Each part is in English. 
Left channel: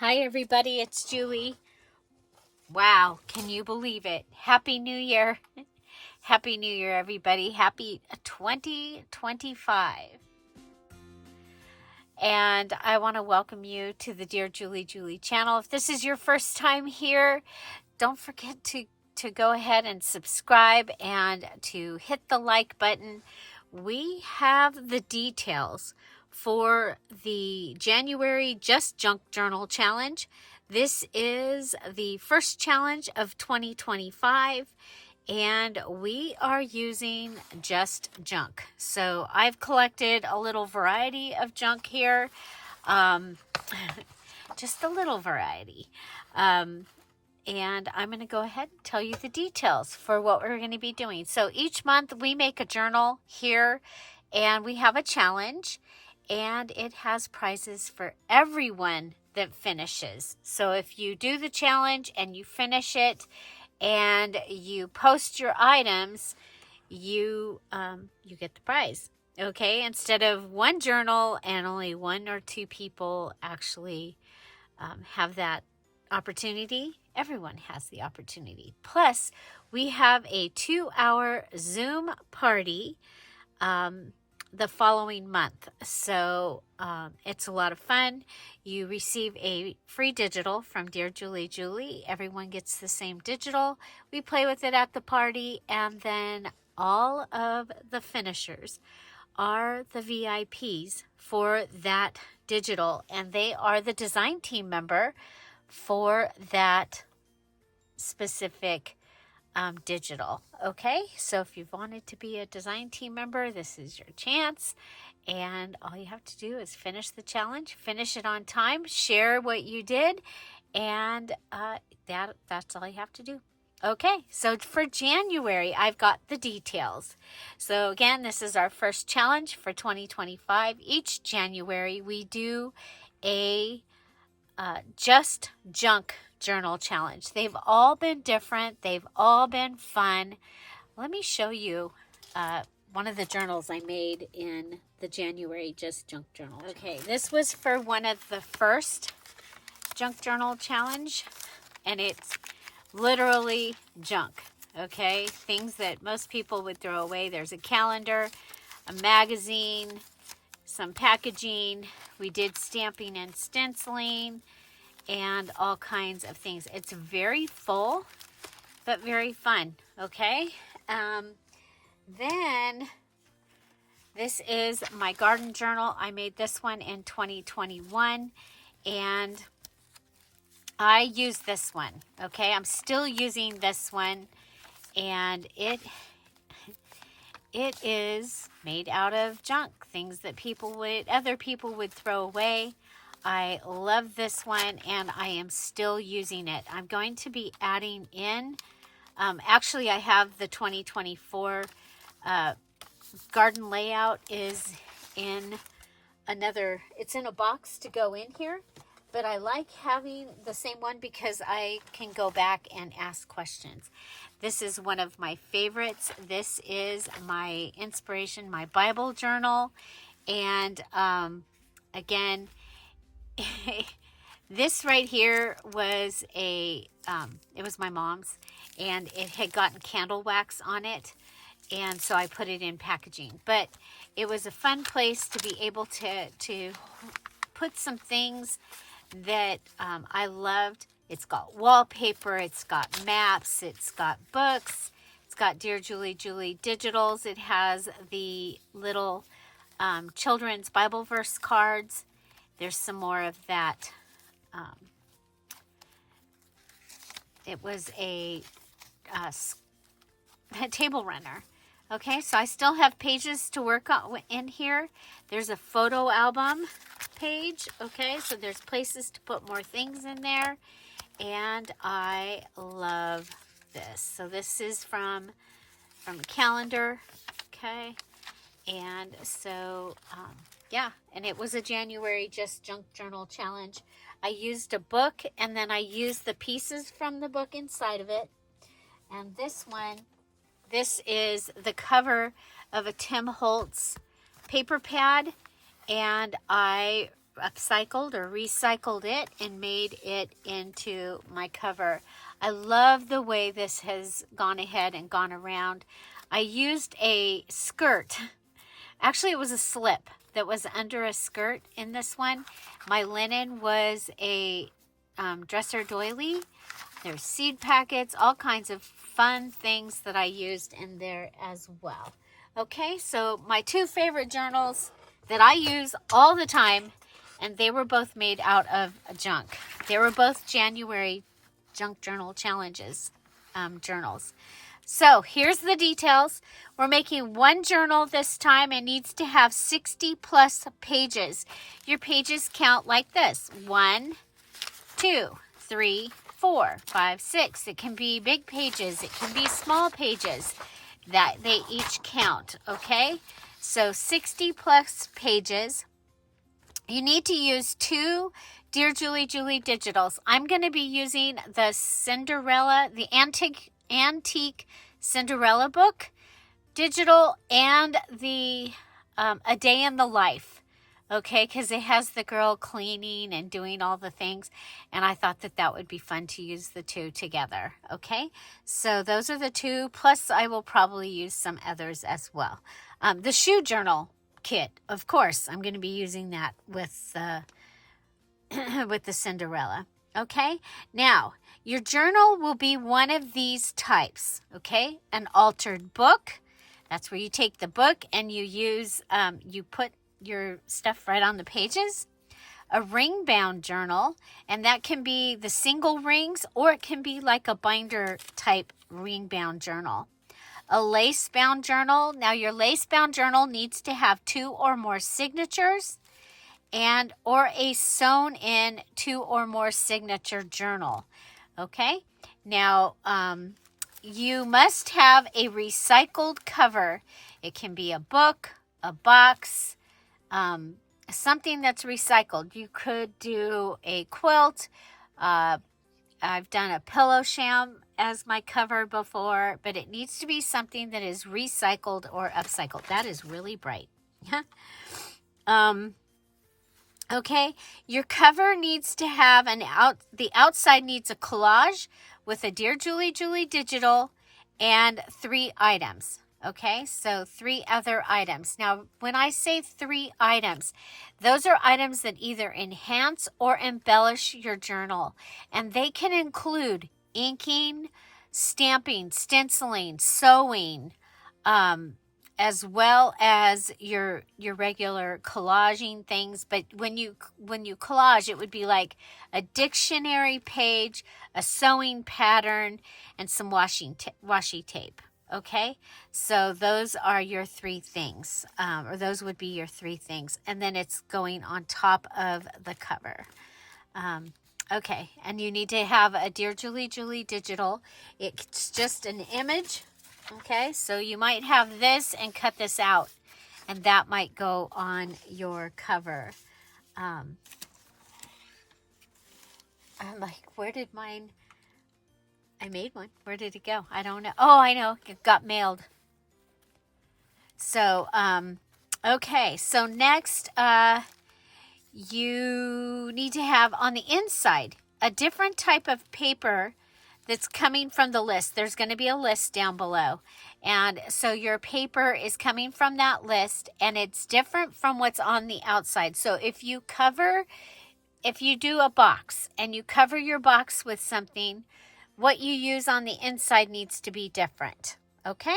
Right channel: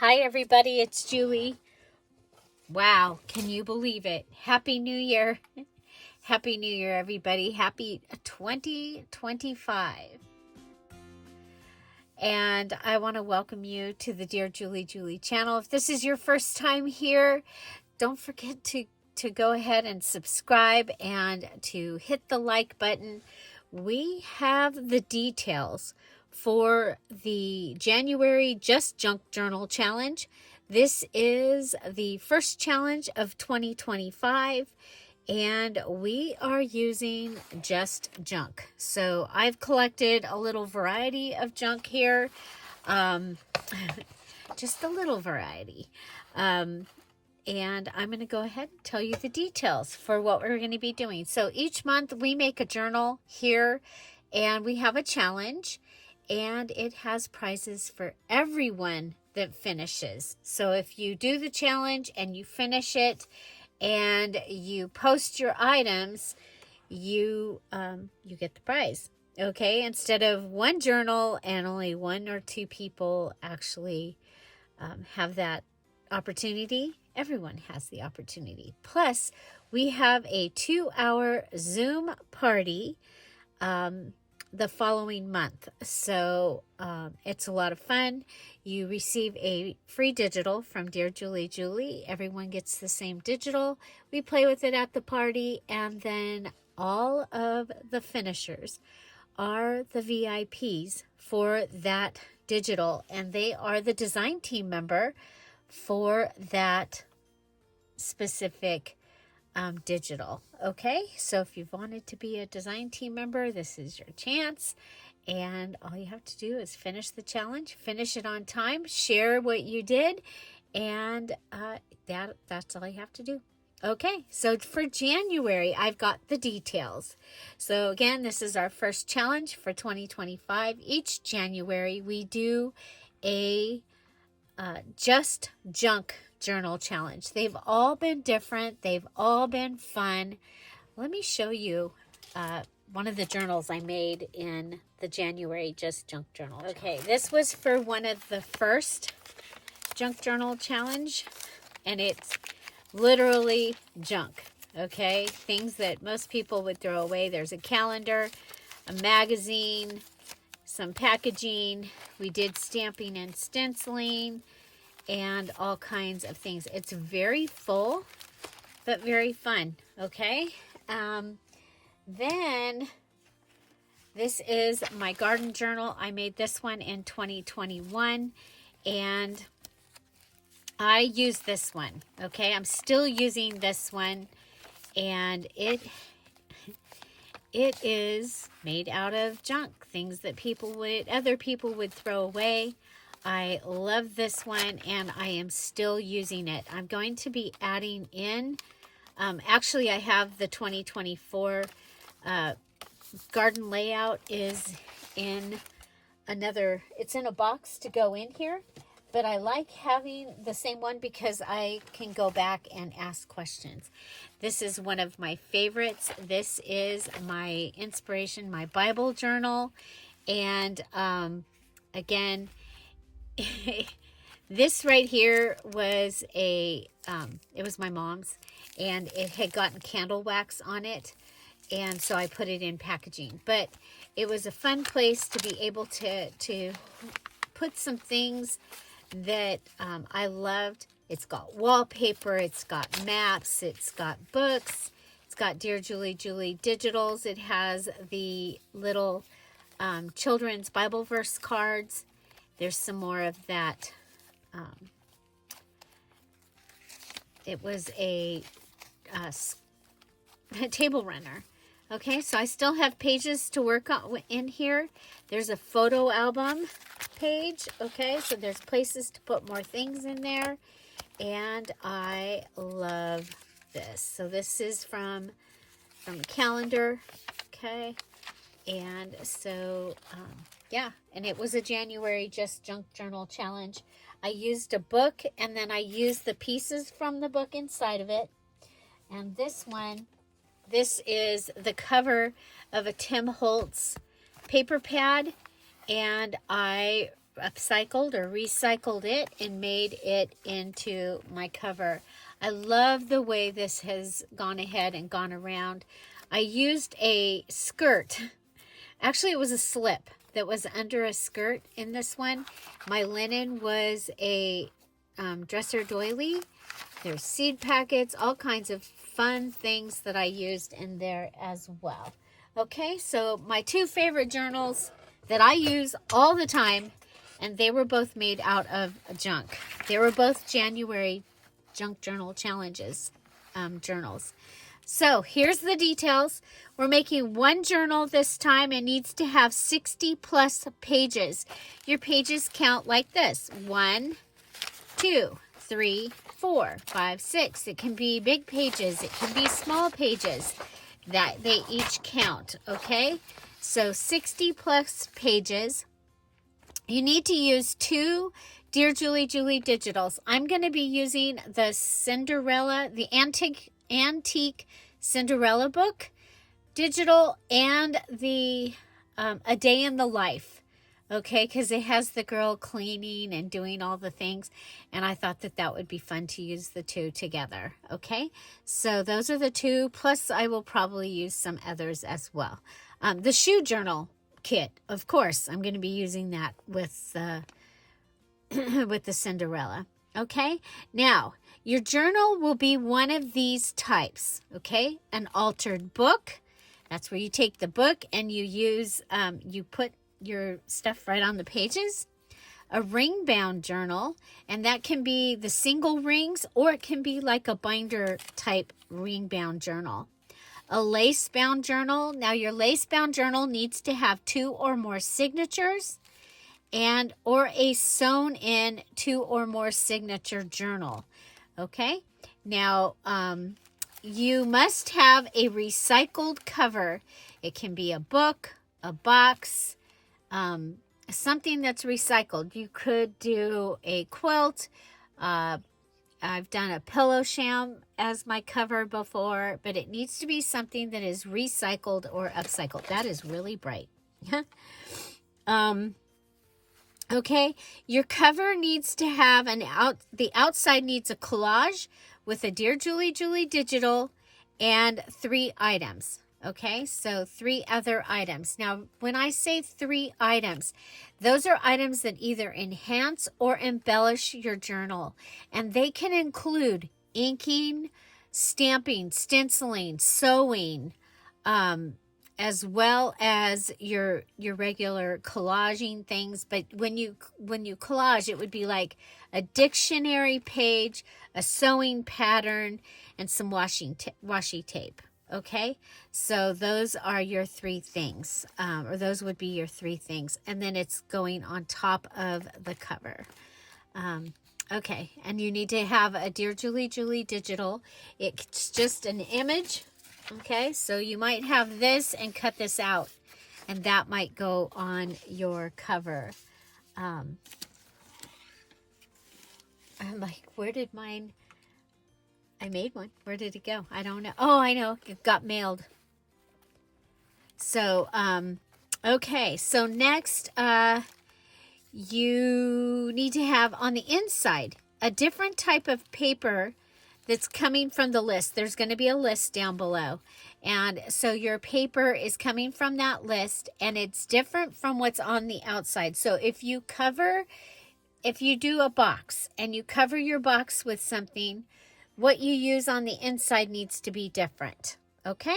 Hi everybody, it's Julie. Wow, can you believe it? Happy New Year. Happy New Year, everybody. Happy 2025. And I want to welcome you to the Dear Julie Julie channel. If this is your first time here, don't forget to go ahead and subscribe and to hit the like button. We have the details for the January Just Junk Journal Challenge. This is the first challenge of 2025, and we are using just junk. So I've collected a little variety of junk here, just a little variety. And I'm going to go ahead and tell you the details for what we're going to be doing. So each month we make a journal here, and we have a challenge, and it has prizes for everyone that finishes. So if you do the challenge and you finish it and you post your items, you get the prize. Okay, instead of one journal and only one or two people actually have that opportunity, everyone has the opportunity. Plus, we have a 2-hour Zoom party the following month. So it's a lot of fun. You receive a free digital from Dear Julie Julie. Everyone gets the same digital. We play with it at the party, and then all of the finishers are the VIPs for that digital, and they are the design team member for that specific digital. Okay, so if you've wanted to be a design team member, this is your chance, and all you have to do is finish the challenge, finish it on time, share what you did, and that's all you have to do. Okay, so for January, I've got the details. So again, this is our first challenge for 2025. Each January, we do a just junk journal challenge. They've all been different. They've all been fun. Let me show you one of the journals I made in the January Just Junk Journal. Okay, this was for one of the first junk journal challenge, and it's literally junk. Okay, things that most people would throw away. There's a calendar, a magazine, some packaging. We did stamping and stenciling, and all kinds of things. It's very full, but very fun. Okay. Then this is my garden journal. I made this one in 2021, and I use this one. Okay. I'm still using this one, and it is made out of junk, things that other people would throw away. I love this one, and I am still using it. I'm going to be adding in, actually I have the 2024 garden layout is in it's in a box to go in here, but I like having the same one because I can go back and ask questions. This is one of my favorites. This is my inspiration, my Bible journal, and again, this right here was it was my mom's, and it had gotten candle wax on it, and so I put it in packaging. But it was a fun place to be able to put some things that I loved. It's got wallpaper, it's got maps, it's got books, it's got Dear Julie Julie digitals. It has the little children's Bible verse cards. There's some more of that. It was a table runner. Okay, so I still have pages to work on in here. There's a photo album page. Okay, so there's places to put more things in there. And I love this. So this is from calendar. Okay, and so yeah, and it was a January Just Junk Journal Challenge. I used a book, and then I used the pieces from the book inside of it. And this one, this is the cover of a Tim Holtz paper pad, and I upcycled or recycled it and made it into my cover. I love the way this has gone ahead and gone around. I used a skirt. Actually, it was a slip that was under a skirt in this one. My linen was a dresser doily. There's seed packets, all kinds of fun things that I used in there as well. Okay, so my two favorite journals that I use all the time, and they were both made out of junk. They were both January Junk Journal Challenges journals. So here's the details. We're making one journal this time. It needs to have 60 plus pages. Your pages count like this: 1, 2, 3, 4, 5, 6. It can be big pages. It can be small pages. That they each count, okay? So 60 plus pages. You need to use 2 Dear Julie digitals. I'm going to be using the antique Cinderella book digital, and the A Day in the Life, okay? Because it has the girl cleaning and doing all the things, and I thought that that would be fun to use the two together, okay? So those are the 2, plus I will probably use some others as well. The shoe journal kit, of course, I'm going to be using that with with the Cinderella, okay? Now, your journal will be one of these types, okay? An altered book. That's where you take the book and you use, you put your stuff right on the pages. A ring-bound journal, and that can be the single rings, or it can be like a binder type ring-bound journal. A lace-bound journal. Now, your lace-bound journal needs to have 2 or more signatures, and or a sewn in 2 or more signature journal. Okay, now you must have a recycled cover. It can be a book, a box, something that's recycled. You could do a quilt. I've done a pillow sham as my cover before, but it needs to be something that is recycled or upcycled. That is really bright. Okay, your cover needs to have the outside needs a collage with a Dear Julie digital and 3 items. Okay, so 3 other items. Now, when I say 3 items, those are items that either enhance or embellish your journal, and they can include inking, stamping, stenciling, sewing, as well as your regular collaging things. But when you collage, it would be like a dictionary page, a sewing pattern, and some washi tape. Okay, so those are your 3 things, or those would be your 3 things, and then it's going on top of the cover. Okay, and you need to have a Dear Julie digital. It's just an image. Okay, so you might have this and cut this out, and that might go on your cover. I'm like, where did mine? I made one. Where did it go? I don't know. Oh, I know. It got mailed. So, okay. So next, you need to have on the inside a different type of paper that's coming from the list. There's going to be a list down below. And so your paper is coming from that list, and it's different from what's on the outside. So if you do a box and you cover your box with something, what you use on the inside needs to be different. Okay?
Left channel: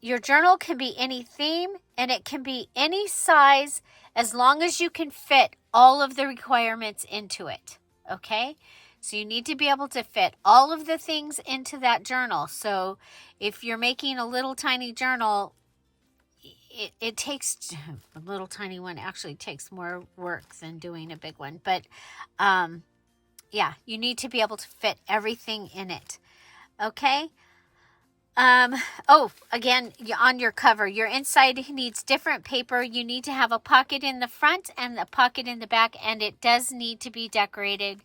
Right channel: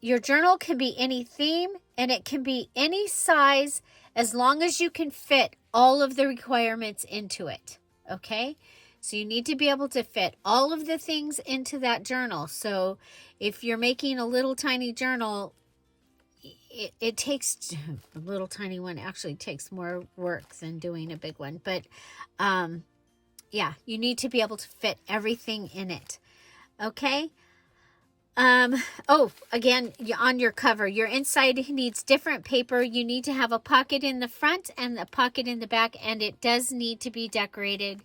Your journal can be any theme, and it can be any size as long as you can fit all of the requirements into it. Okay? So you need to be able to fit all of the things into that journal. So if you're making a little tiny journal, it takes, a little tiny one actually takes more work than doing a big one. But yeah, you need to be able to fit everything in it. Okay? Oh, again, on your cover, your inside needs different paper. You need to have a pocket in the front and a pocket in the back, and it does need to be decorated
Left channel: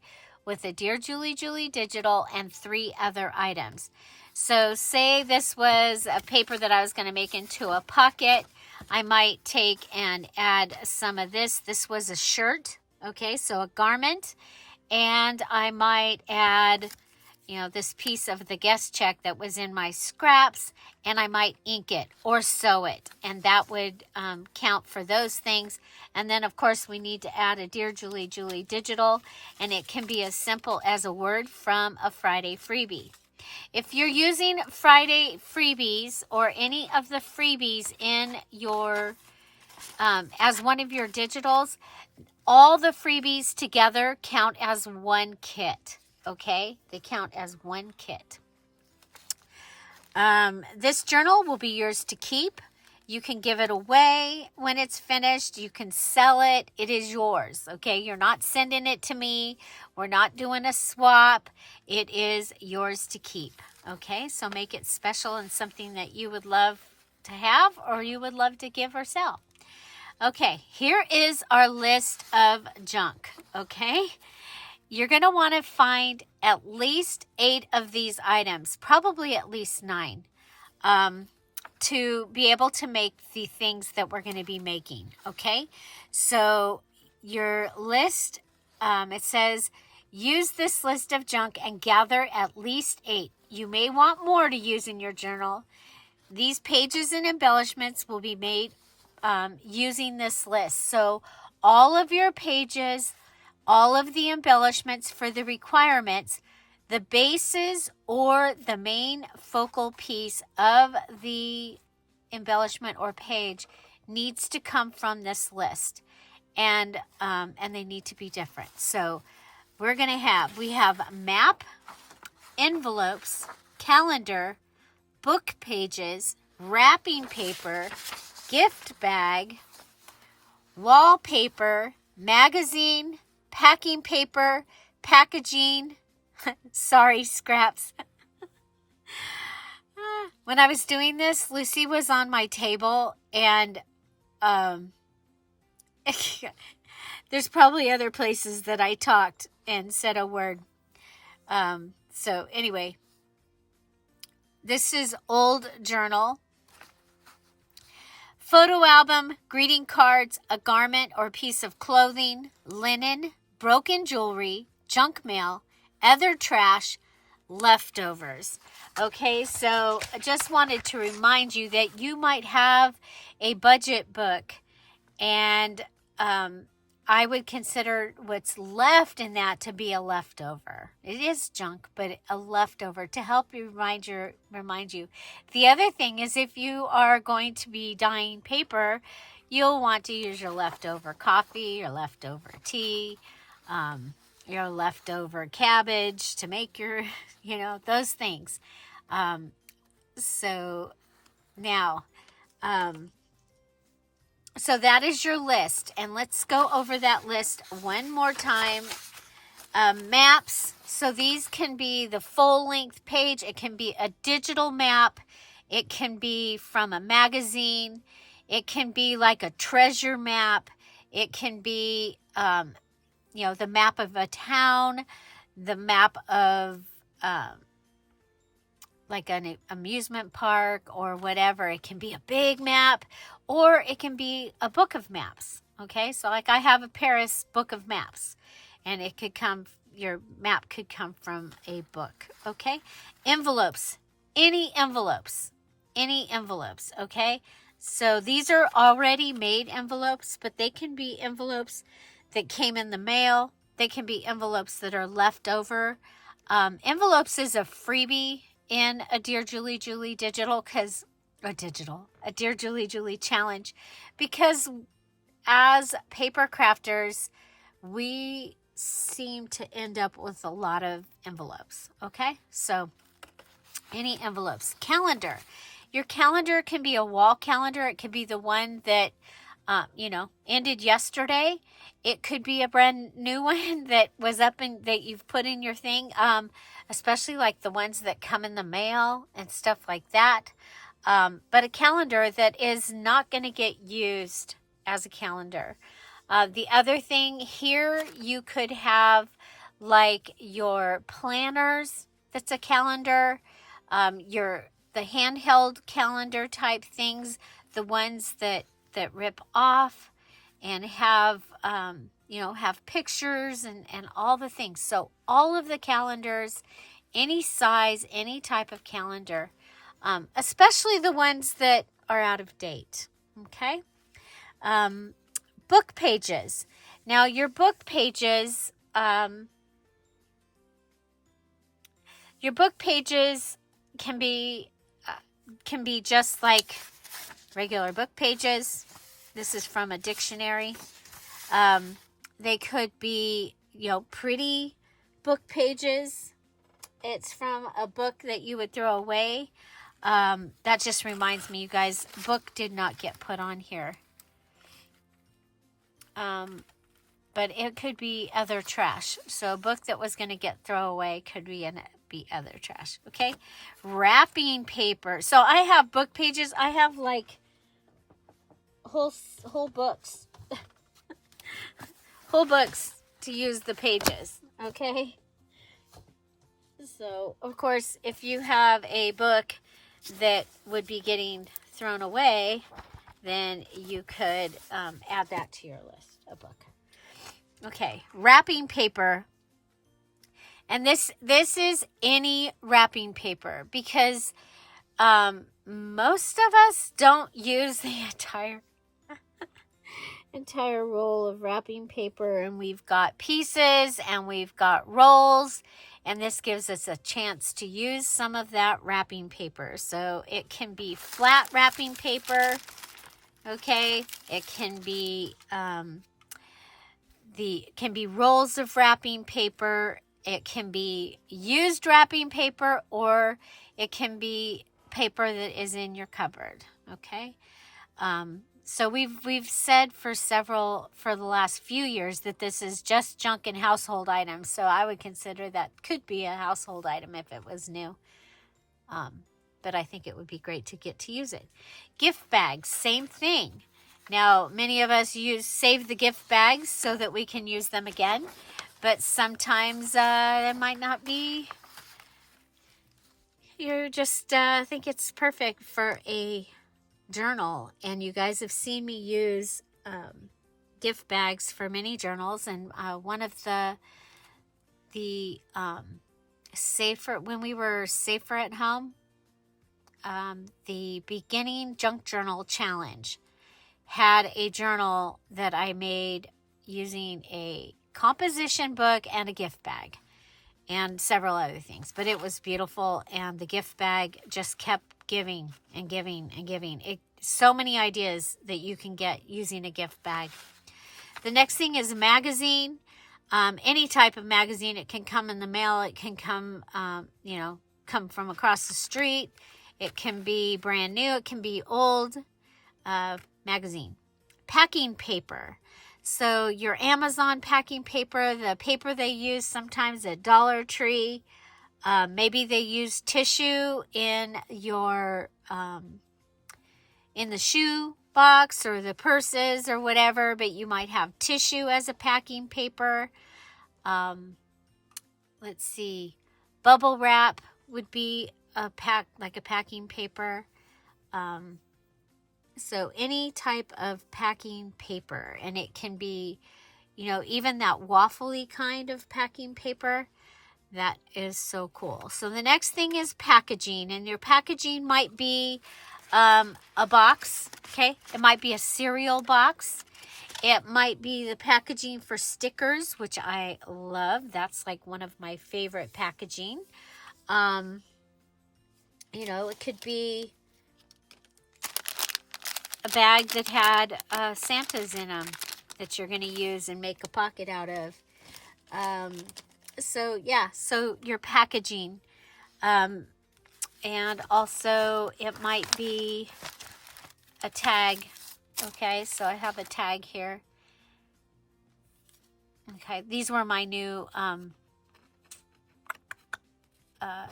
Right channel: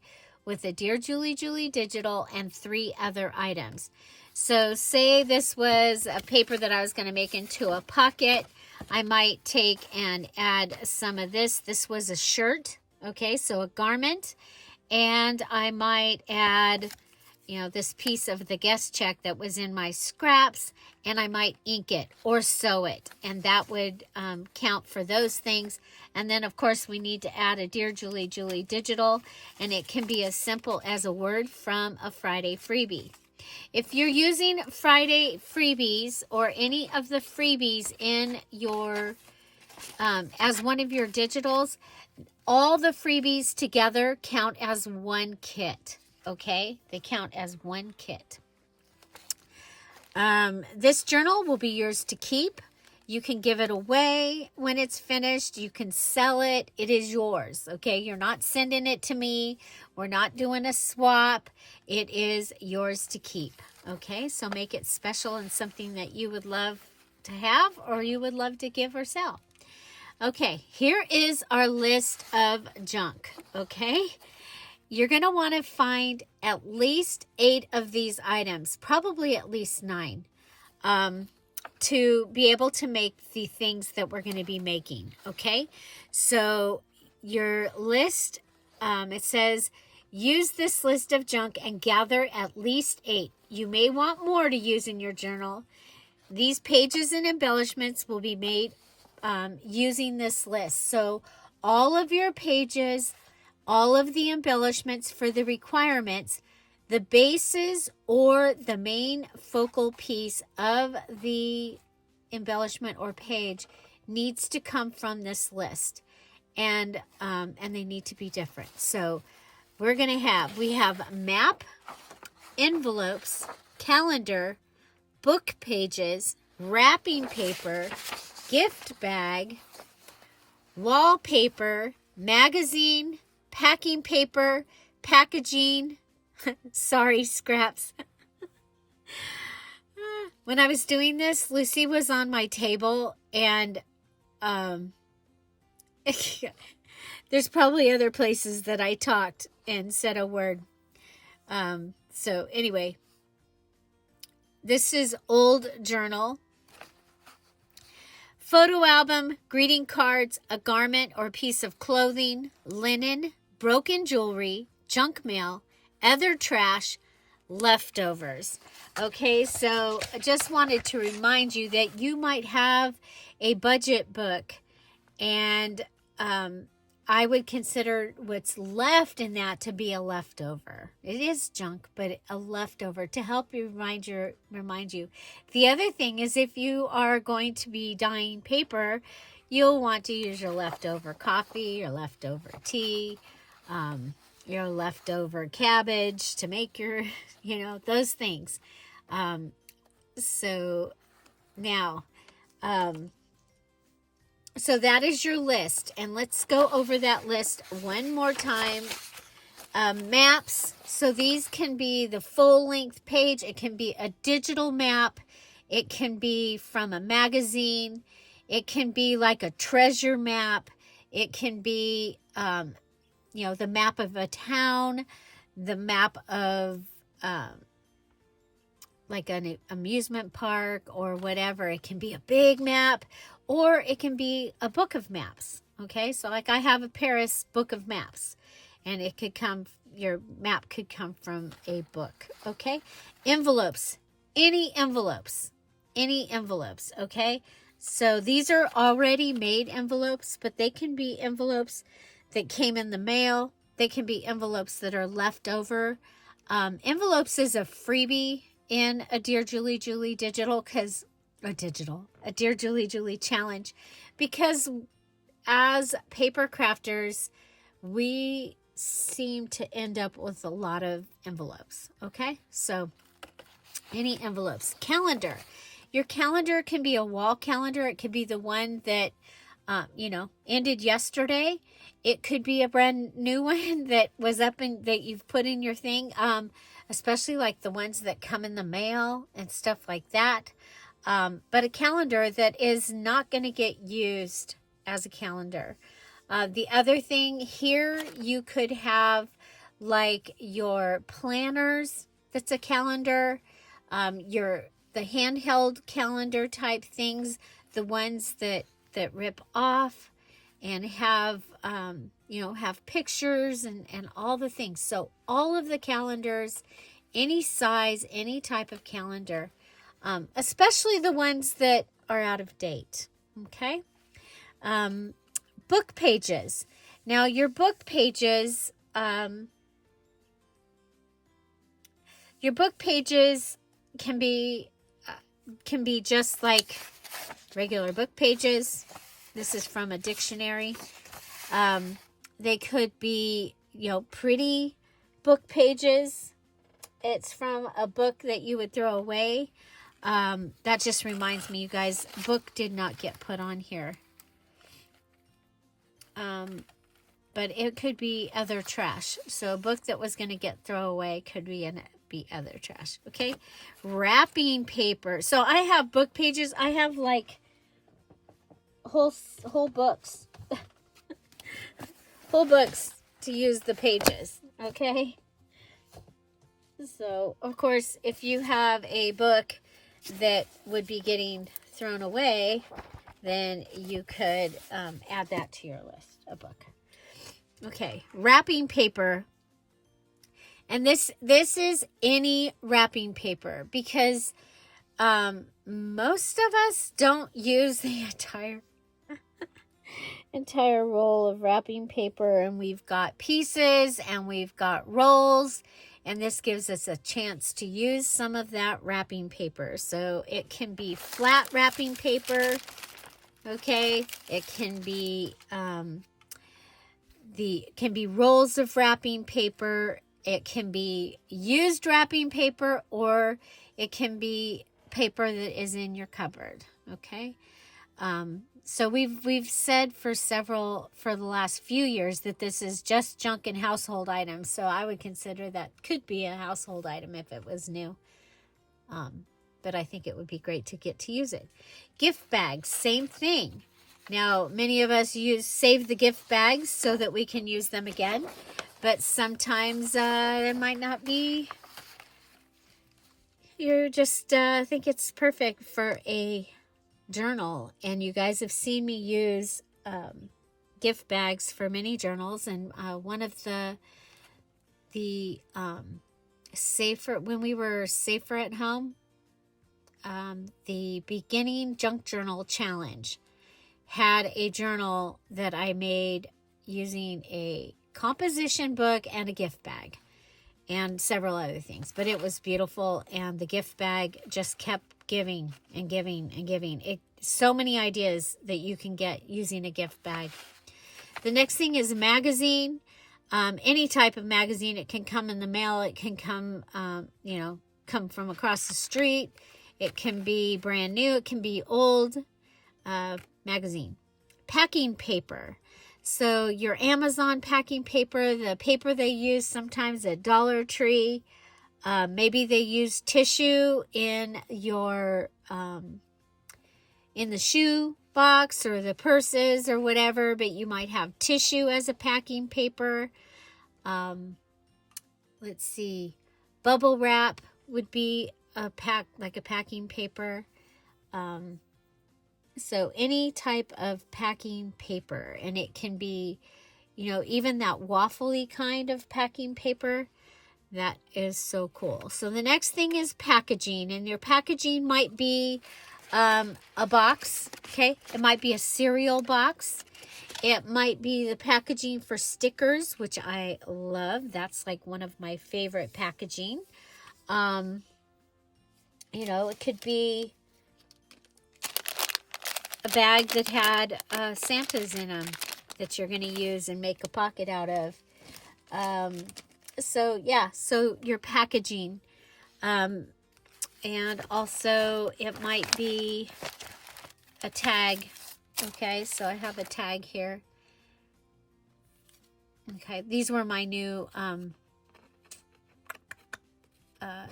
with a Dear Julie digital and 3 other items. So say this was a paper that I was going to make into a pocket. I might take and add some of this. This was a shirt, okay, so a garment. And I might add, you know, this piece of the guest check that was in my scraps, and I might ink it or sew it, and that would count for those things. And then, of course, we need to add a Dear Julie Julie digital, and it can be as simple as a word from a Friday freebie. If you're using Friday freebies or any of the freebies in your, as one of your digitals, all the freebies together count as one kit, okay? They count as one kit. This journal will be yours to keep. You can give it away when it's finished. You can sell it. It is yours, okay? You're not sending it to me. We're not doing a swap. It is yours to keep, okay? So make it special and something that you would love to have or you would love to give or sell. Okay, here is our list of junk, okay? You're going to want to find at least 8 of these items, probably at least 9, to be able to make the things that we're going to be making, okay? So your list, it says, use this list of junk and gather at least 8. You may want more to use in your journal. These pages and embellishments will be made using this list. So all of your pages, all of the embellishments for the requirements, the bases or the main focal piece of the embellishment or page needs to come from this list, and they need to be different. So we have map, envelopes, calendar, book pages, wrapping paper, gift bag, wallpaper, magazine, packing paper, packaging. Sorry, scraps. When I was doing this, Lucy was on my table, and there's probably other places that I talked and said a word. So anyway, this is old journal. Photo album, greeting cards, a garment or piece of clothing, linen, broken jewelry, junk mail, other trash, leftovers. Okay, so I just wanted to remind you that you might have a budget book, and I would consider what's left in that to be a leftover. It is junk, but a leftover to help you remind you. The other thing is, if you are going to be dyeing paper, you'll want to use your leftover coffee, your leftover tea, your leftover cabbage to make your, those things. So now, so that is your list, and let's go over that list one more time. Maps, so these can be the full-length page. It can be a digital map. It can be from a magazine. It can be like a treasure map. It can be, the map of a town, the map of like an amusement park or whatever. It can be a big map, or it can be a book of maps, okay? So like I have a Paris book of maps, and your map could come from a book, okay? Envelopes, any envelopes, okay? So these are already made envelopes, but they can be envelopes that came in the mail. They can be envelopes that are left over. Envelopes is a freebie in a Dear Julie Julie digital, a Dear Julie Julie challenge, because as paper crafters, we seem to end up with a lot of envelopes, okay? So any envelopes. Calendar. Your calendar can be a wall calendar. It could be the one that, ended yesterday. It could be a brand new one that was up and that you've put in your thing, especially like the ones that come in the mail and stuff like that. But a calendar that is not going to get used as a calendar. The other thing here, you could have like your planners. That's a calendar. The handheld calendar type things, the ones that that rip off and have, have pictures and all the things. So all of the calendars, any size, any type of calendar, especially the ones that are out of date. Okay. Book pages. Now your book pages, can be just like regular book pages. This is from a dictionary. They could be, pretty book pages. It's from a book that you would throw away. That just reminds me, you guys, book did not get put on here. But it could be other trash. So a book that was going to get thrown away could be other trash. Okay. Wrapping paper. So I have book pages. I have like whole books. Whole books to use the pages. Okay. So, of course, if you have a book that would be getting thrown away, then you could add that to your list, a book. Okay, wrapping paper. And this is any wrapping paper, because most of us don't use the entire roll of wrapping paper, and we've got pieces and we've got rolls, and this gives us a chance to use some of that wrapping paper. So it can be flat wrapping paper. Okay, it can be can be rolls of wrapping paper. It can be used wrapping paper, or it can be paper that is in your cupboard. Okay, so we've said for the last few years that this is just junk and household items. So I would consider that could be a household item if it was new. But I think it would be great to get to use it. Gift bags, same thing. Now, many of us save the gift bags so that we can use them again, but sometimes it might not be. You just think it's perfect for a journal, and you guys have seen me use gift bags for many journals, and one of the safer, when we were safer at home, the beginning junk journal challenge had a journal that I made using a composition book and a gift bag and several other things, but it was beautiful, and the gift bag just kept giving and giving and giving. So many ideas that you can get using a gift bag. The next thing is a magazine. Any type of magazine. It can come in the mail. It can come, come from across the street. It can be brand new. It can be old. Magazine. Packing paper. So your Amazon packing paper, the paper they use sometimes at Dollar Tree. Maybe they use tissue in your in the shoe box or the purses or whatever, but you might have tissue as a packing paper. Let's see, bubble wrap would be a packing paper. So any type of packing paper, and it can be, even that waffly kind of packing paper. That is so cool. So the next thing is packaging, and your packaging might be a box. Okay, it might be a cereal box. It might be the packaging for stickers, which I love. That's like one of my favorite packaging. It could be a bag that had Santas in them that you're going to use and make a pocket out of. So your packaging. And also it might be a tag. Okay, so I have a tag here. Okay, these were my new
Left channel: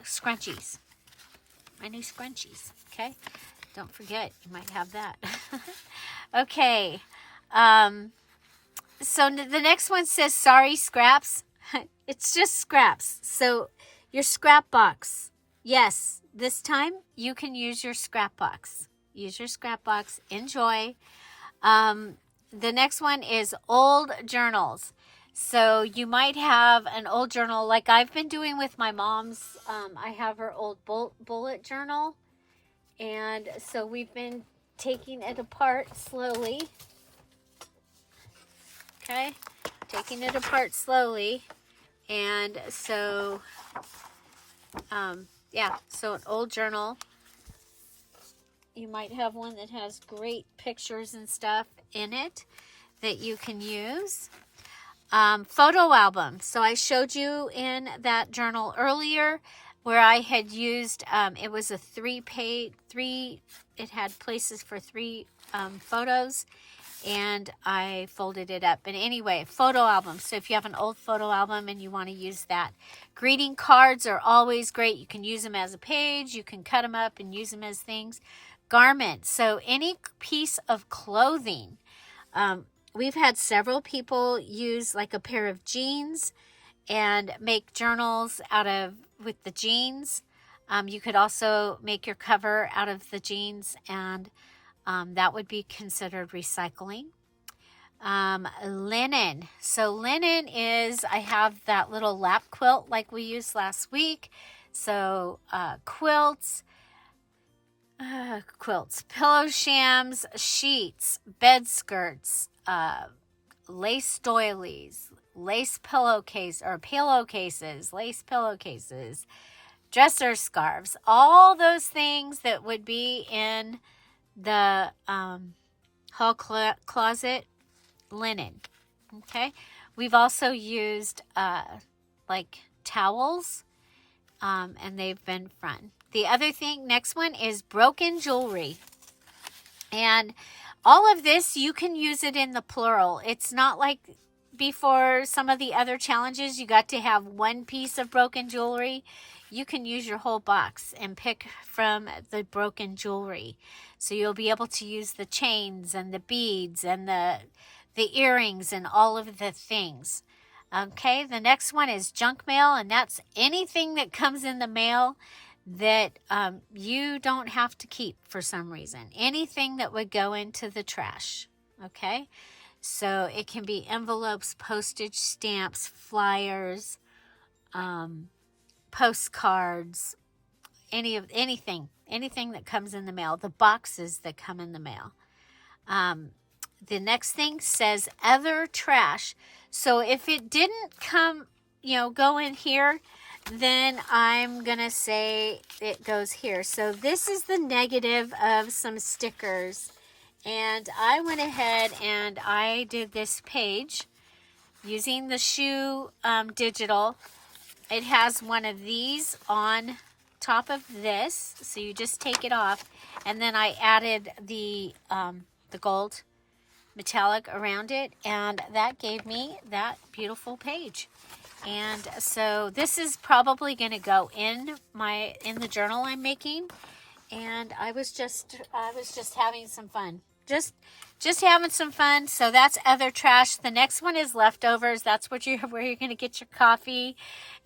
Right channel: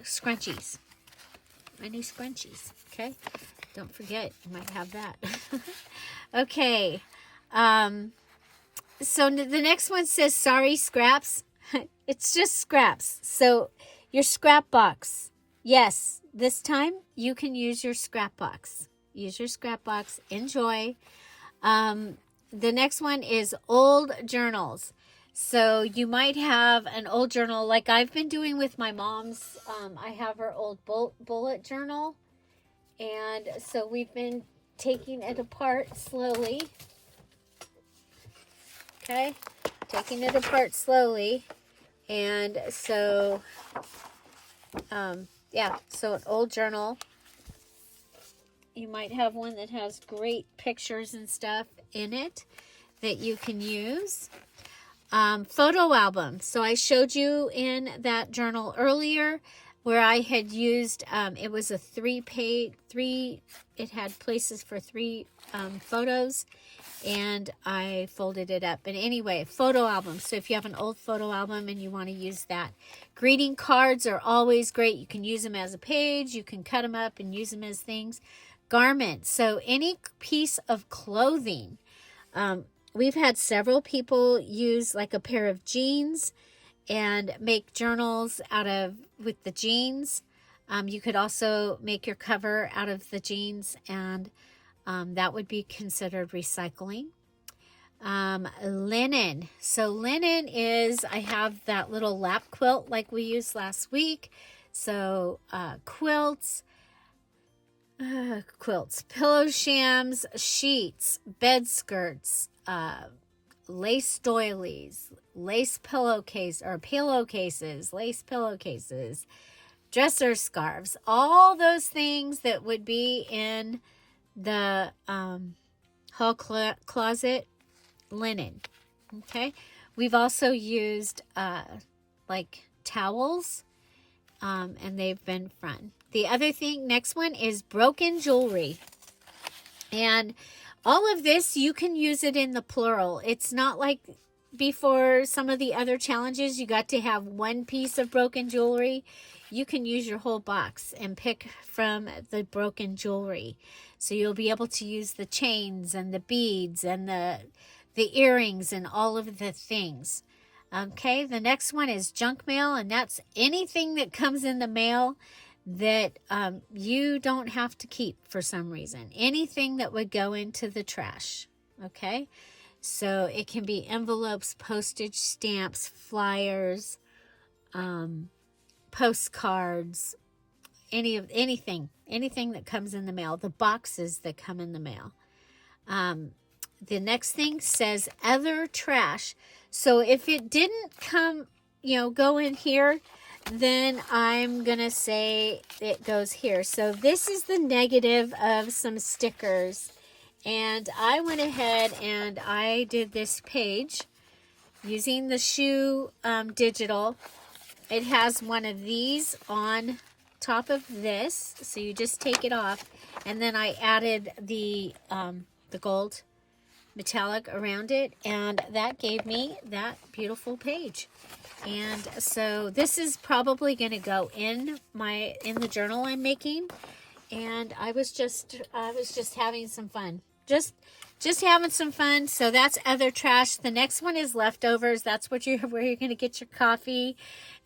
scrunchies. My new scrunchies, okay? Don't forget, you might have that. Okay. So the next one says, sorry, scraps. It's just scraps. So your scrap box. Yes, this time you can use your scrap box. Use your scrap box. Enjoy. The next one is old journals. So you might have an old journal like I've been doing with my mom's. I have her old bullet journal. And so we've been taking it apart slowly. Okay, taking it apart slowly. And so, yeah, so an old journal. You might have one that has great pictures and stuff in it that you can use. Photo album. So I showed you in that journal earlier where I had used, it was a it had places for 3 photos, and I folded it up. But anyway, photo album. So if you have an old photo album and you want to use that. Greeting cards are always great. You can use them as a page. You can cut them up and use them as things. Garments. So any piece of clothing. We've had several people use like a pair of jeans and make journals with the jeans. You could also make your cover out of the jeans, and that would be considered recycling. Linen. So linen is, I have that little lap quilt like we used last week. So quilts, pillow shams, sheets, bed skirts, lace doilies, lace pillowcases, lace pillowcases, dresser scarves, all those things that would be in the hall closet, linen. Okay, we've also used like towels, and they've been fun. The other thing, next one is broken jewelry. And all of this, you can use it in the plural. It's not like before some of the other challenges, you got to have one piece of broken jewelry. You can use your whole box and pick from the broken jewelry. So you'll be able to use the chains and the beads and the earrings and all of the things. Okay, the next one is junk mail, and that's anything that comes in the mail that you don't have to keep for some reason. Anything that would go into the trash. Okay, so it can be envelopes, postage stamps, flyers, postcards, anything that comes in the mail, the boxes that come in the mail. The next thing says other trash. So if it didn't come, go in here, then I'm going to say it goes here. So this is the negative of some stickers. And I went ahead and I did this page using the shoe digital. It has one of these on top of this. So you just take it off. And then I added the gold metallic around it. And that gave me that beautiful page. And so this is probably going to go in the journal I'm making, and I was just having some fun, just having some fun. So that's other trash. The next one is leftovers. That's where you're going to get your coffee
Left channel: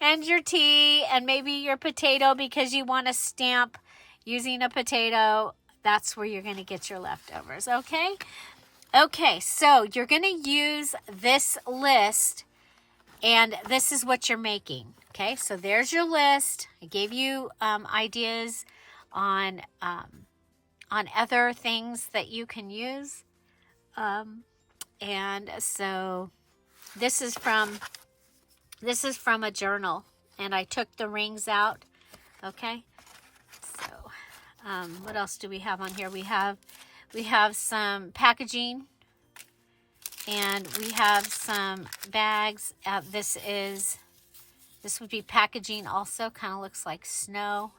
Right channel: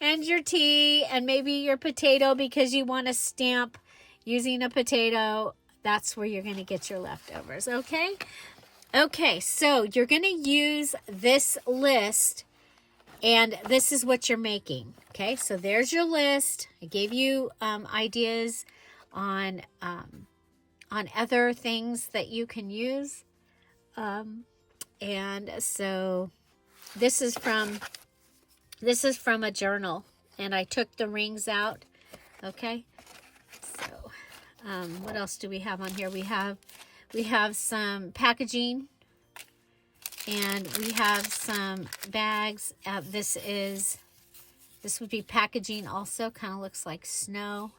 and your tea and maybe your potato because you want to stamp using a potato. That's where you're going to get your leftovers. Okay, so you're going to use this list. And this is what you're making. Okay, so there's your list. I gave you ideas on other things that you can use. And so this is from a journal, and I took the rings out. Okay, so what else do we have on here? We have some packaging. And we have some bags. This would be packaging also. Kind of looks like snow.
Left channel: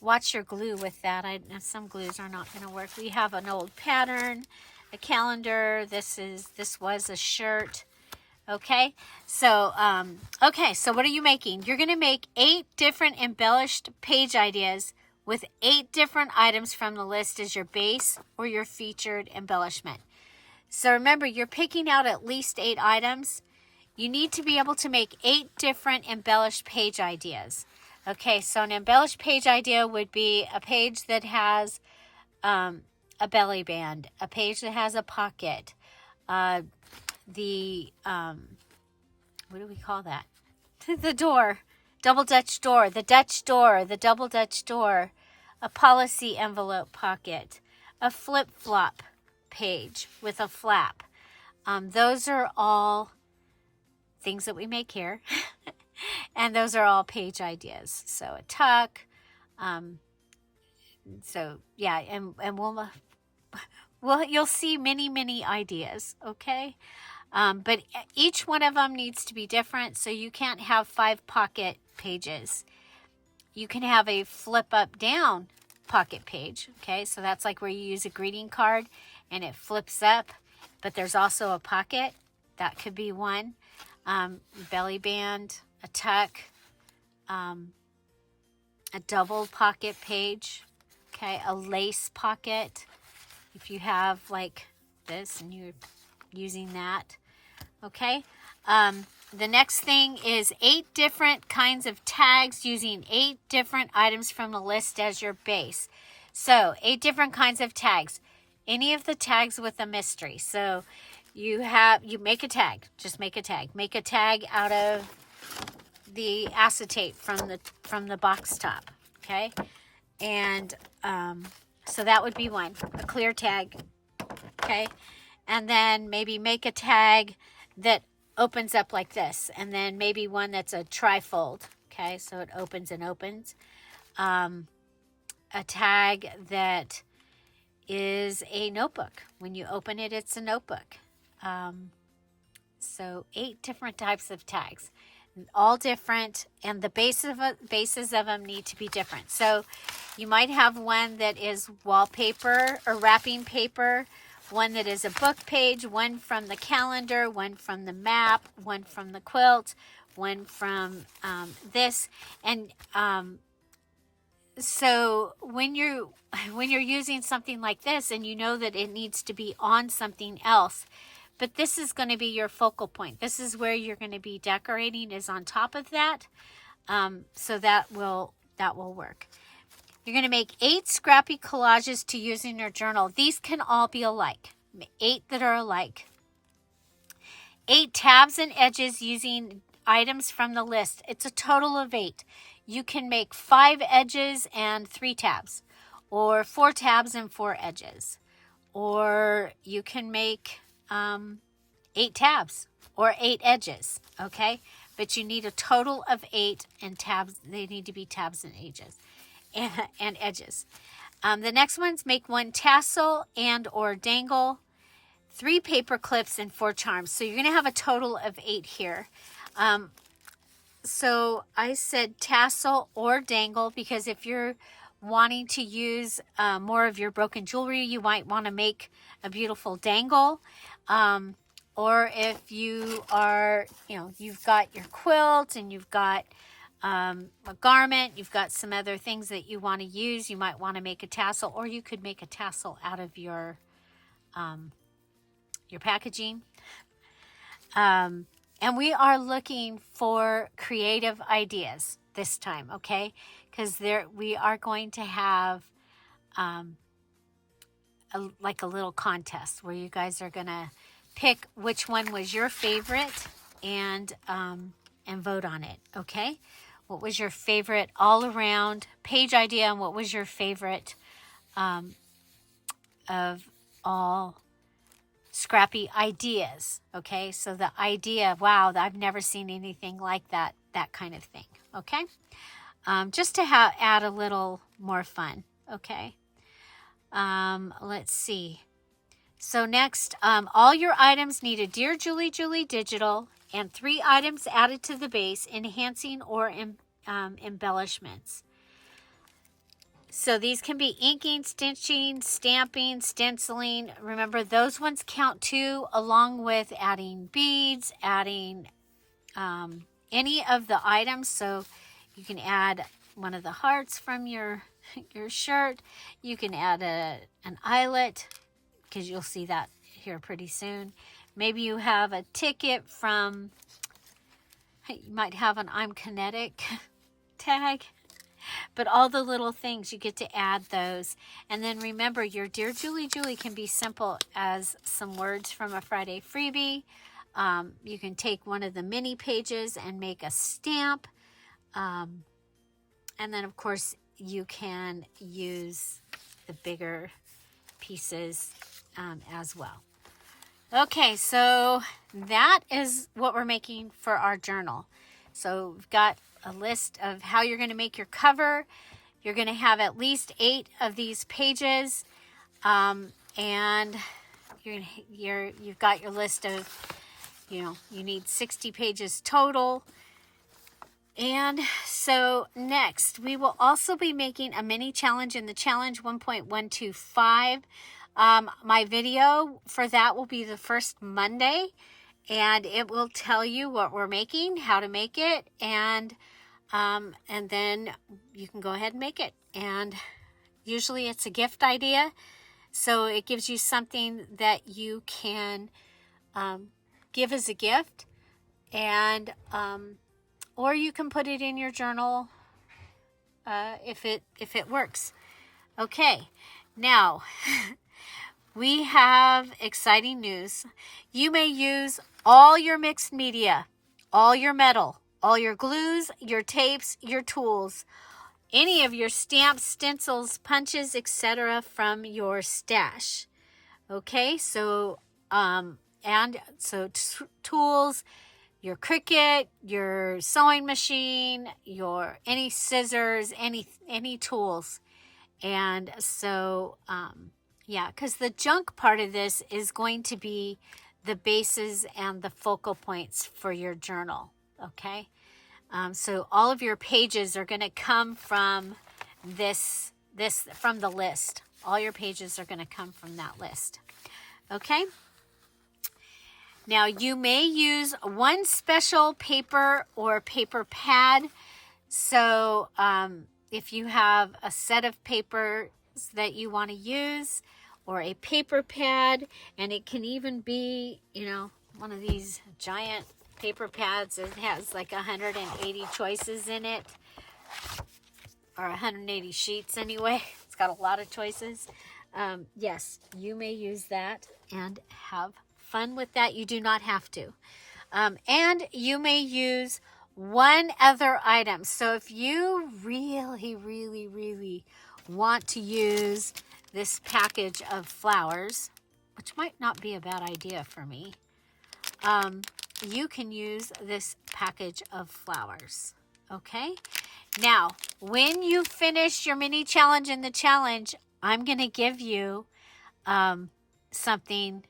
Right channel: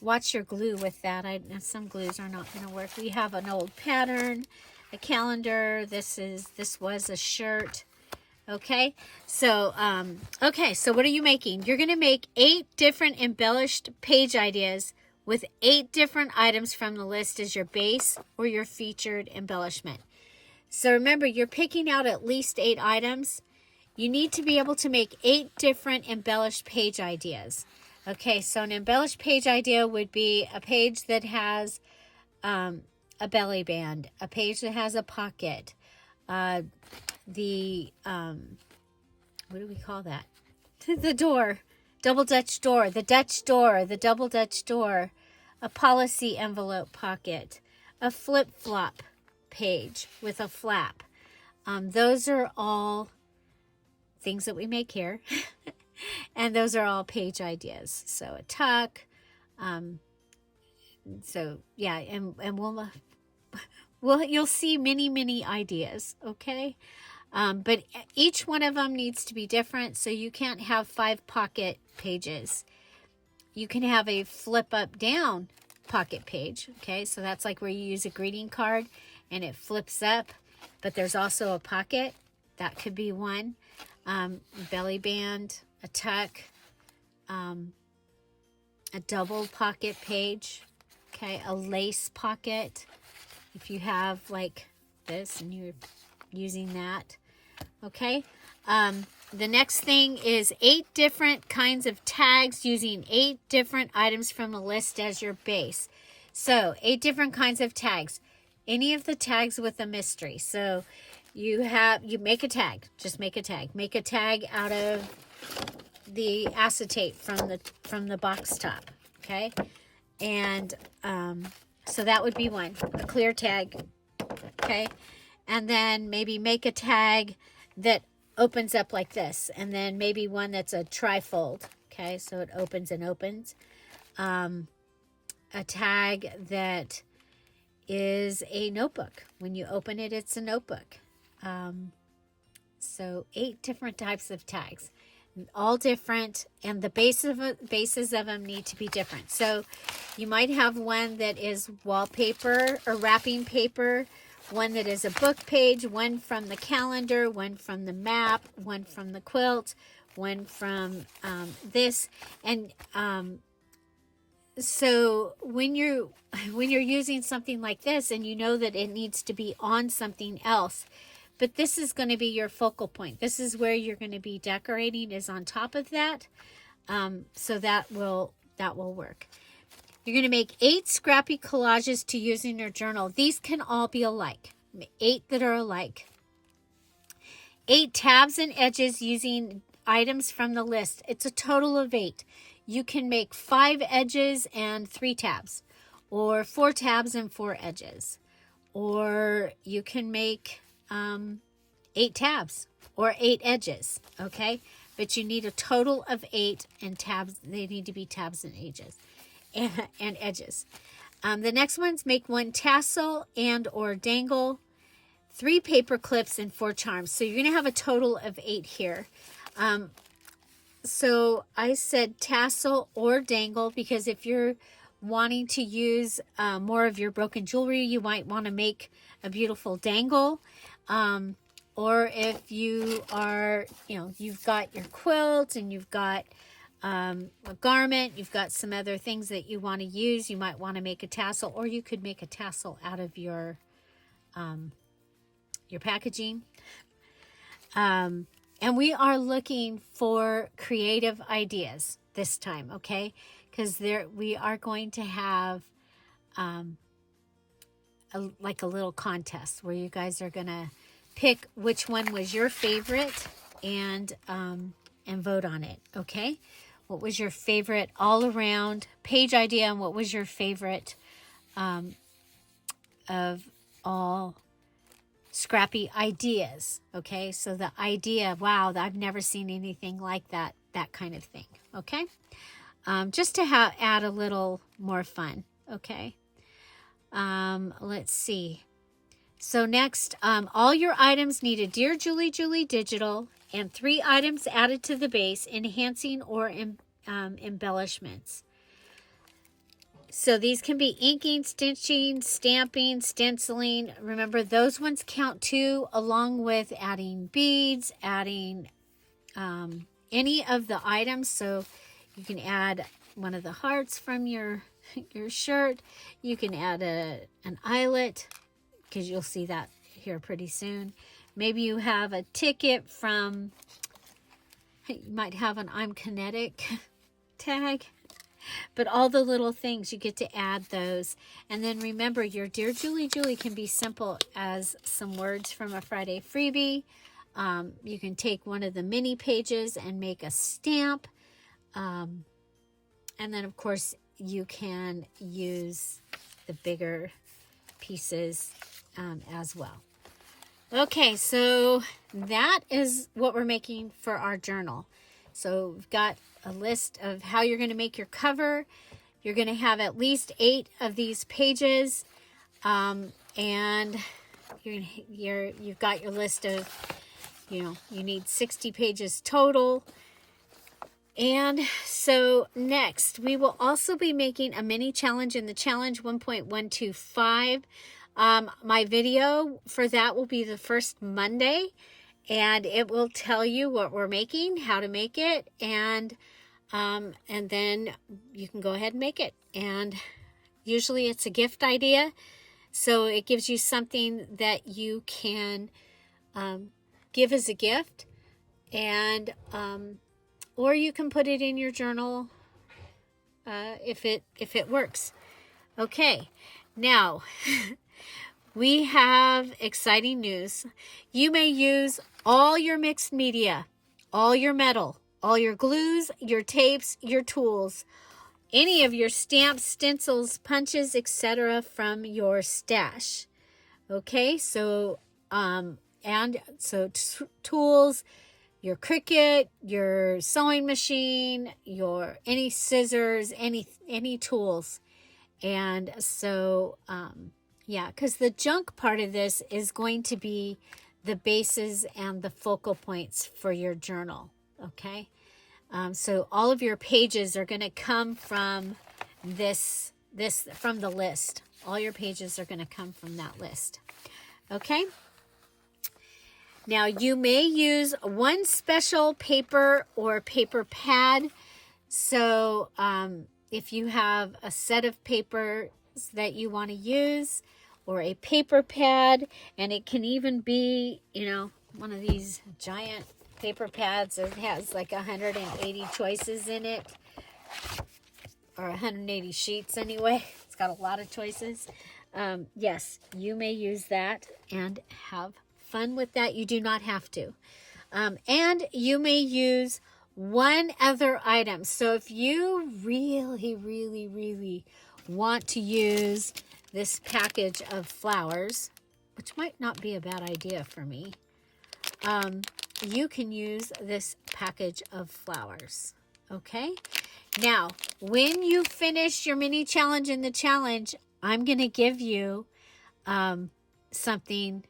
Watch your glue with that. Some glues are not going to work. We have an old pattern, a calendar. This was a shirt. Okay. So, so what are you making? You're going to make 8 different embellished page ideas with 8 different items from the list as your base or your featured embellishment. So remember, you're picking out at least 8 items. You need to be able to make 8 different embellished page ideas. Okay, so an embellished page idea would be a page that has a belly band, a page that has a pocket, what do we call that? The door, double Dutch door, the Dutch door, the double Dutch door, a policy envelope pocket, a flip-flop page with a flap. Those are all things that we make here. And those are all page ideas. So a tuck. So yeah, and you'll see many ideas, okay? But each one of them needs to be different, so you can't have 5 pocket pages. You can have a flip up down pocket page, okay? So that's like where you use a greeting card and it flips up, but there's also a pocket. That could be one. Belly band, a tuck, a double pocket page, okay? A lace pocket, if you have like this and you're using that, okay? The next thing is 8 different kinds of tags using 8 different items from the list as your base. So 8 different kinds of tags. Any of the tags with a mystery. So you make a tag. Just make a tag. Make a tag out of the acetate from the box top. Okay, and so that would be one. A clear tag. Okay, and then maybe make a tag that opens up like this, and then maybe one that's a trifold. Okay, so it opens and opens. A tag that is a notebook. When you open it, it's a notebook. So 8 different types of tags, all different, and the bases of them need to be different. So you might have one that is wallpaper or wrapping paper, one that is a book page, one from the calendar, one from the map, one from the quilt, one from this. And so when you're using something like this and you know that it needs to be on something else, but this is going to be your focal point. This is where you're going to be decorating, is on top of that. So that will work. You're going to make 8 scrappy collages to use in your journal. These can all be alike. 8 that are alike. 8 tabs and edges using items from the list. It's a total of 8. You can make 5 edges and 3 tabs, or 4 tabs and 4 edges, or you can make 8 tabs or 8 edges, okay? But you need a total of 8, and tabs, they need to be tabs and edges. And edges. The next one's make 1 tassel and or dangle, 3 paper clips, and 4 charms. So you're going to have a total of 8 here. So I said tassel or dangle because if you're wanting to use more of your broken jewelry, you might want to make a beautiful dangle. Or if you are, you've got your quilt and you've got a garment, you've got some other things that you want to use, you might want to make a tassel, or you could make a tassel out of your packaging. And we are looking for creative ideas this time, okay? Because we are going to have like a little contest where you guys are going to pick which one was your favorite and vote on it, okay? What was your favorite all-around page idea, and what was your favorite of all scrappy ideas, okay? So the idea, wow, I've never seen anything like that kind of thing, okay? Just to add a little more fun, okay? Let's see. So next, all your items need a Dear Julie Julie digital and 3 items added to the base, enhancing or embellishments. So these can be inking, stitching, stamping, stenciling. Remember, those ones count too, along with adding beads, adding any of the items. So you can add one of the hearts from your shirt. You can add an eyelet, because you'll see that here pretty soon. Maybe you have a ticket from, you might have an I'm Kinetic tag. But all the little things, you get to add those. And then remember, your Dear Julie Julie can be simple as some words from a Friday freebie. You can take one of the mini pages and make a stamp. And then, of course, you can use the bigger pieces as well. Okay, so that is what we're making for our journal. So we've got a list of how you're going to make your cover. You're going to have at least 8 of these pages, and you've got your list of, you need 60 pages total. And so next, we will also be making a mini challenge in the challenge 1.125. My video for that will be the first Monday, and it will tell you what we're making, how to make it, and then you can go ahead and make it. And usually it's a gift idea, so it gives you something that you can give as a gift, and or you can put it in your journal if it works. Okay, now we have exciting news. You may use all your mixed media, all your metal, all your glues, your tapes, your tools, any of your stamps, stencils, punches, etc. from your stash. Okay, so tools, your Cricut, your sewing machine, your any scissors, any tools. And so yeah, because the junk part of this is going to be the bases and the focal points for your journal, okay? So all of your pages are going to come from from the list. All your pages are going to come from that list, okay? Now, you may use one special paper or paper pad. So if you have a set of papers that you want to use, or a paper pad, and it can even be, one of these giant paper pads that has like 180 choices in it, or 180 sheets anyway. It's got a lot of choices. Yes, you may use that and have fun with that. You do not have to. And you may use one other item. So if you really, really, really want to use this package of flowers, which might not be a bad idea for me, you can use this package of flowers, okay? Now, when you finish your mini challenge in the challenge, I'm going to give you something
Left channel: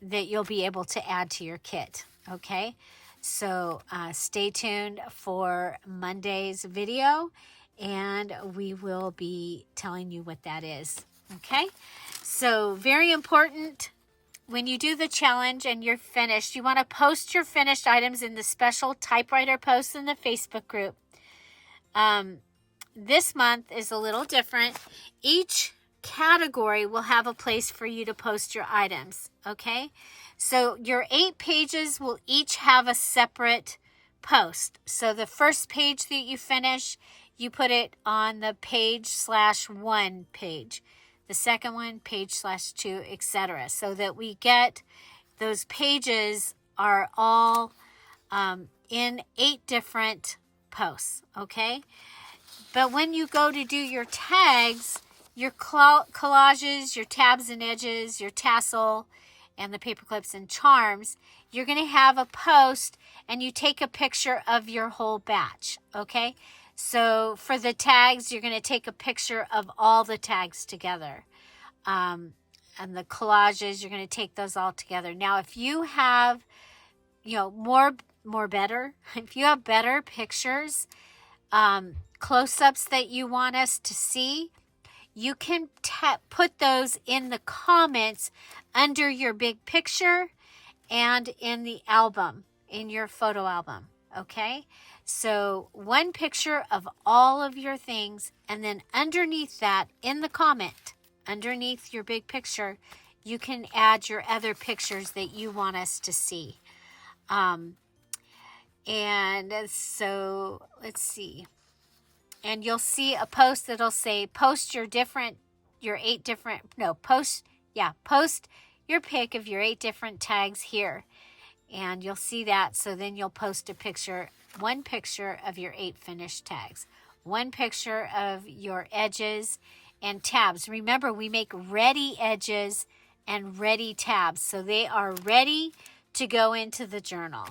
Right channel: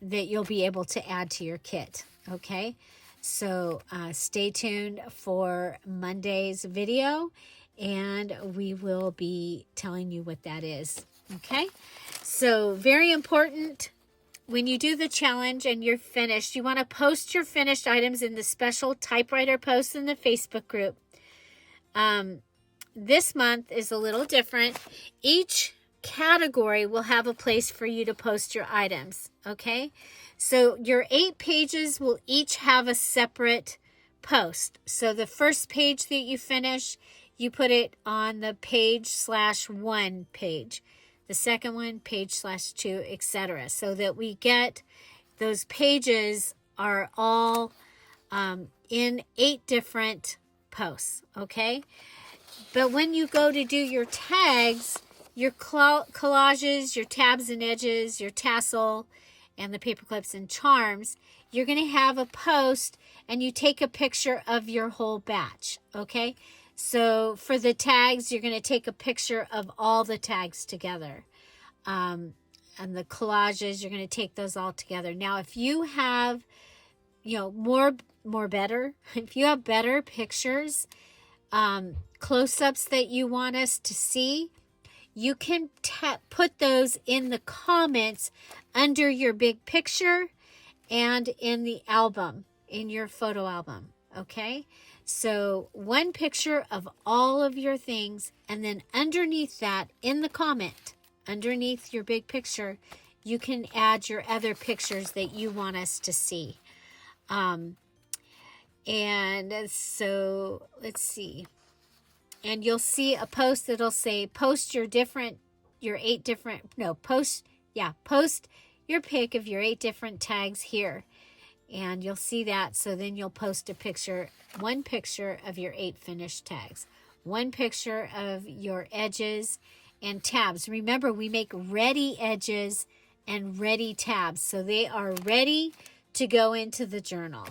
that you'll be able to add to your kit, okay? So stay tuned for Monday's video, and we will be telling you what that is. Okay, so very important, when you do the challenge and you're finished, you want to post your finished items in the special typewriter post in the Facebook group. This month is a little different. Each category will have a place for you to post your items, okay? So your 8 pages will each have a separate post. So the first page that you finish, you put it on the page/1 page. The second one, page/2, etc. So that we get those pages are all in 8 different posts, okay? But when you go to do your tags, your collages, your tabs and edges, your tassel, and the paper clips and charms, you're going to have a post and you take a picture of your whole batch, okay? So for the tags, you're going to take a picture of all the tags together. And the collages, you're going to take those all together. Now, if you have, better, if you have better pictures, close-ups that you want us to see, you can put those in the comments under your big picture and in the album, in your photo album, okay? So one picture of all of your things, and then underneath that, in the comment, underneath your big picture, you can add your other pictures that you want us to see. And so let's see. and you'll see a post that'll say, post your pic of your 8 different tags here. And you'll see that. So then you'll post one picture of your 8 finished tags, one picture of your edges and tabs. Remember, we make ready edges and ready tabs. So they are ready to go into the journal.